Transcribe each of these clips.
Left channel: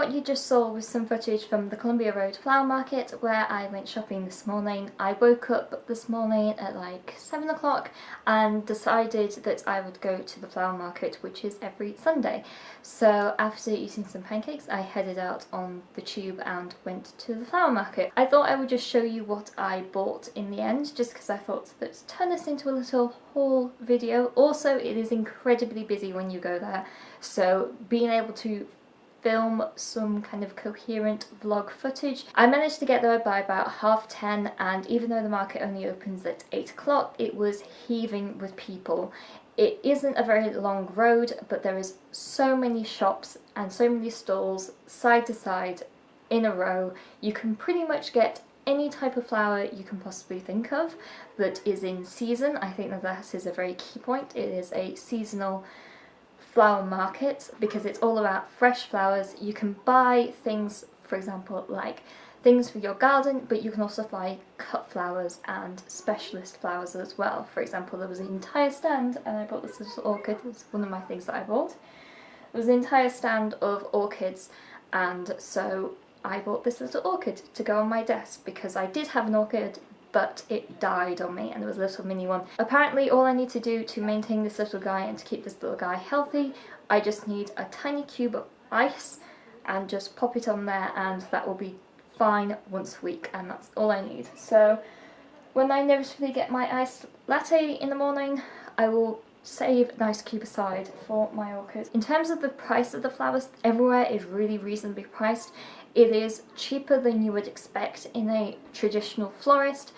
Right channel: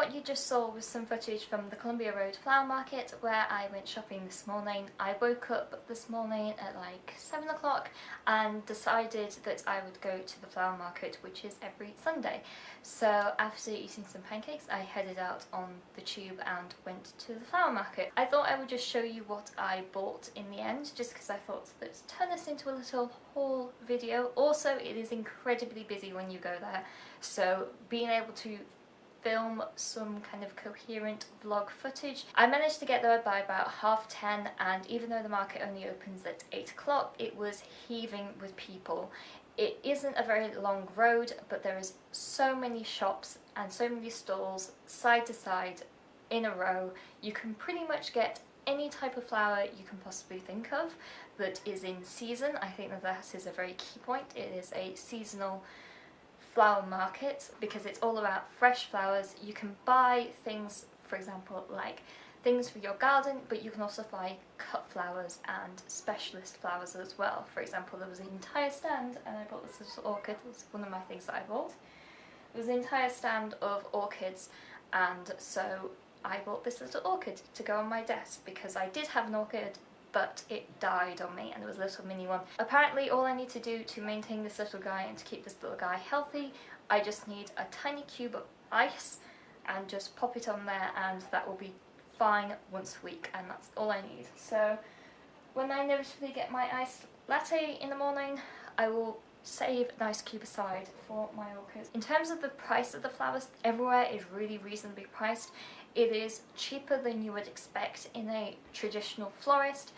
what you just saw was some footage from the Columbia Road Flower Market where I went shopping this morning. I woke up this morning at like 7 o'clock and decided that I would go to the flower market, which is every Sunday. So after eating some pancakes, I headed out on the tube and went to the flower market. I thought I would just show you what I bought in the end, just because I thought let's turn this into a little haul video. Also, it is incredibly busy when you go there, so being able to film some kind of coherent vlog footage. I managed to get there by about 10:30, and even though the market only opens at 8 o'clock, it was heaving with people. It isn't a very long road, but there is so many shops and so many stalls side to side in a row. You can pretty much get any type of flower you can possibly think of that is in season. I think that is a very key point. It is a seasonal flower market because it's all about fresh flowers. You can buy things, for example, like things for your garden, but you can also buy cut flowers and specialist flowers as well. For example, there was an entire stand, and I bought this little orchid. It's one of my things that I bought. There was an entire stand of orchids, and so I bought this little orchid to go on my desk because I did have an orchid, but it died on me, and it was a little mini one. Apparently all I need to do to maintain this little guy and to keep this little guy healthy, I just need a tiny cube of ice and just pop it on there, and that will be fine once a week, and that's all I need. So when I inevitably get my iced latte in the morning, I will save a nice cube aside for my orchid. In terms of the price of the flowers, everywhere is really reasonably priced. It is cheaper than you would expect in a traditional florist.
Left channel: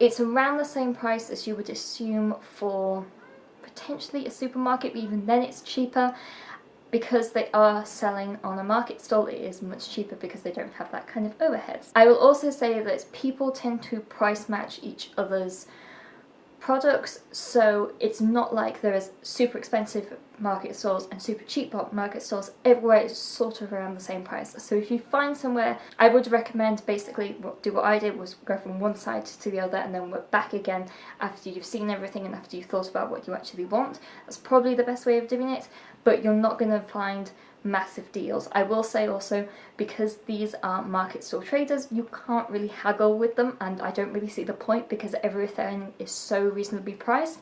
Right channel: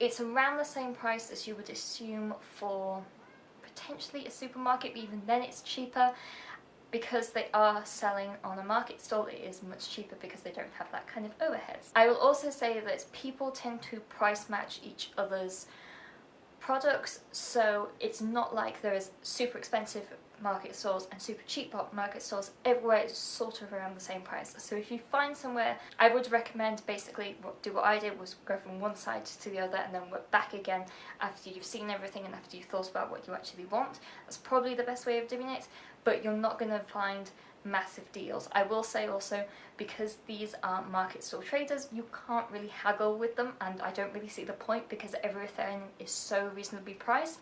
It's around the same price as you would assume for potentially a supermarket, but even then it's cheaper. Because they are selling on a market stall, it is much cheaper because they don't have that kind of overheads. I will also say that people tend to price match each other's products, so it's not like there is super expensive market stores and super cheap market stores. Everywhere is sort of around the same price. So if you find somewhere, I would recommend basically do what I did, was go from one side to the other and then work back again after you've seen everything and after you've thought about what you actually want. That's probably the best way of doing it, but you're not going to find massive deals. I will say also, because these are market stall traders, you can't really haggle with them, and I don't really see the point because everything is so reasonably priced.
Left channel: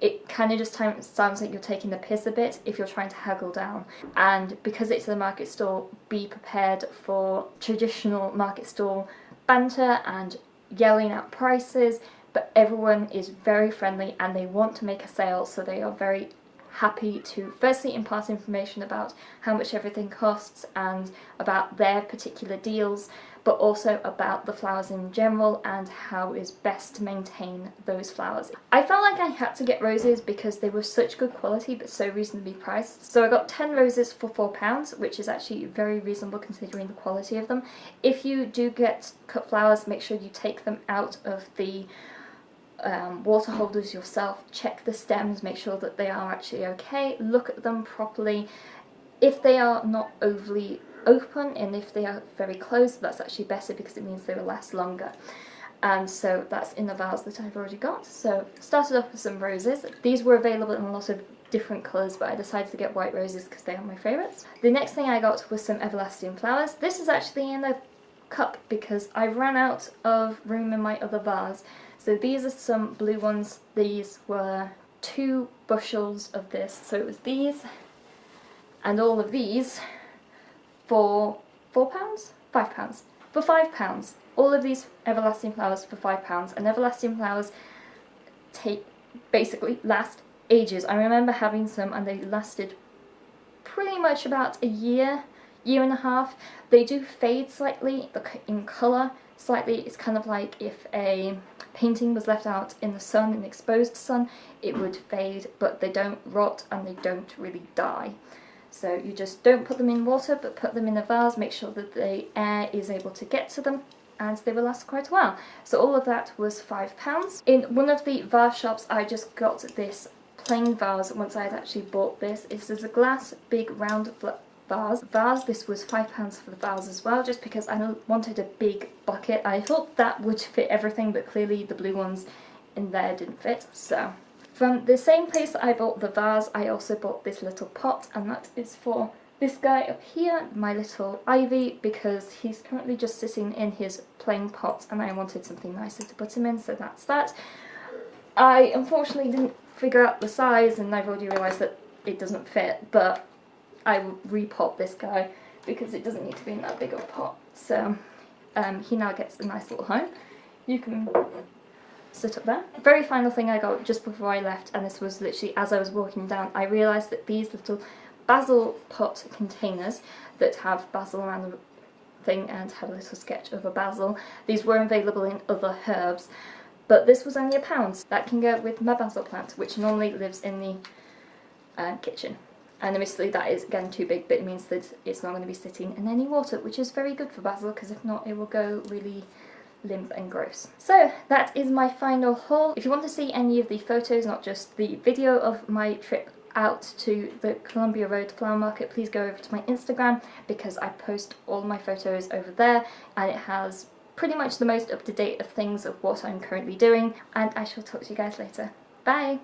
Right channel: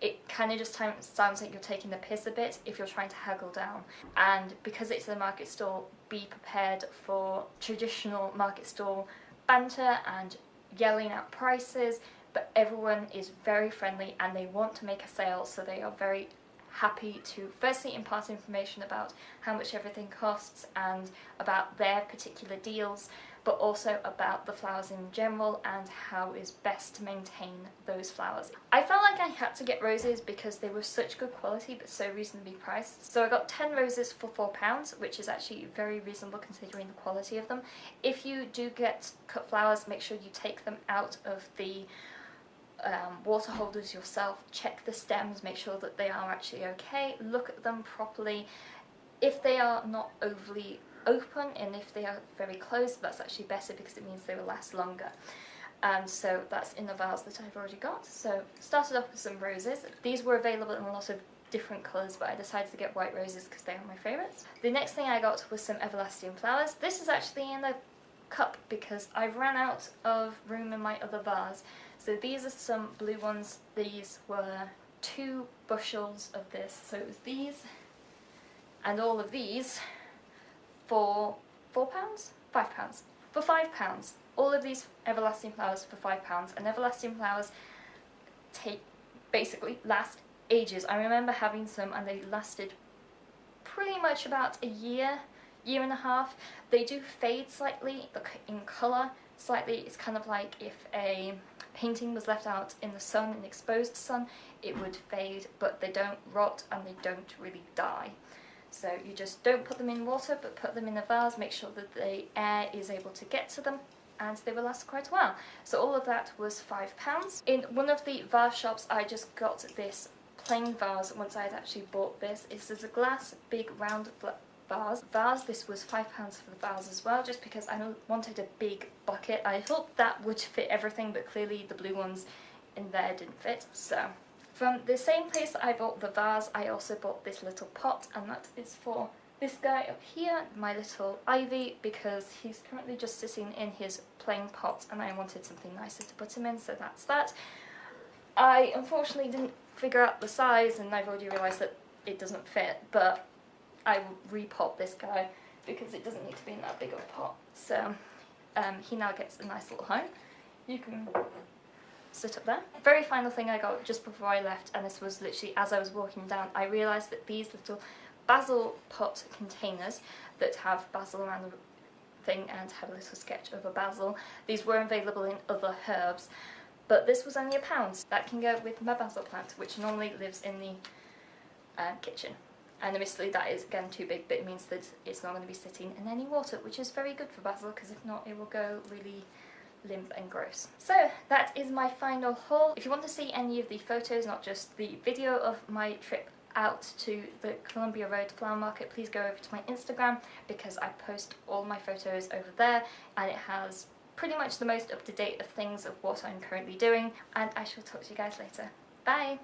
It kind of just sounds like you're taking the piss a bit if you're trying to haggle down. And because it's a market stall, be prepared for traditional market stall banter and yelling out prices, but everyone is very friendly and they want to make a sale, so they are very happy to firstly impart information about how much everything costs and about their particular deals, but also about the flowers in general and how is best to maintain those flowers. I felt like I had to get roses because they were such good quality but so reasonably priced. So I got 10 roses for £4, which is actually very reasonable considering the quality of them. If you do get cut flowers, make sure you take them out of the water holders yourself. Check the stems, make sure that they are actually okay, look at them properly. If they are not overly open and if they are very closed, that's actually better because it means they will last longer. And so that's in the vase that I've already got. So started off with some roses. These were available in a lot of different colours, but I decided to get white roses because they are my favourites. The next thing I got was some everlasting flowers. This is actually in a cup because I ran out of room in my other vase. So these are some blue ones. These were 2 bushels of this. So it was these and all of these for £4? £5. For £5. All of these everlasting flowers for £5. And everlasting flowers basically last ages. I remember having some and they lasted pretty much about a year and a half. They do fade slightly in colour slightly. It's kind of like if a painting was left out in the sun, in exposed sun, it would fade, but they don't rot and they don't really die. So you just don't put them in water, but put them in a vase, make sure that the air is able to get to them, and they will last quite a while. So all of that was £5. In one of the vase shops I just got this plain vase once I had actually bought this. This is a glass, big round vase. This was £5 for the vase as well, just because I wanted a big bucket. I thought that would fit everything, but clearly the blue ones in there didn't fit. So from the same place that I bought the vase, I also bought this little pot, and that is for this guy up here, my little ivy, because he's currently just sitting in his plain pot and I wanted something nicer to put him in, so that's that. I unfortunately didn't figure out the size and I've already realised that it doesn't fit, but I will repot this guy because it doesn't need to be in that big of a pot. So he now gets a nice little home. You can sit up there. Very final thing I got just before I left, and this was literally as I was walking down, I realised that these little basil pot containers that have basil around the thing and have a little sketch of a basil, these were available in other herbs, but this was only £1. That can go with my basil plant, which normally lives in the kitchen. And admittedly that is again too big, but it means that it's not going to be sitting in any water, which is very good for basil, because if not it will go really limp and gross. So that is my final haul. If you want to see any of the photos, not just the video of my trip out to the Columbia Road Flower Market, please go over to my Instagram because I post all my photos over there and it has pretty much the most up-to-date of things of what I'm currently doing, and I shall talk to you guys later. Bye!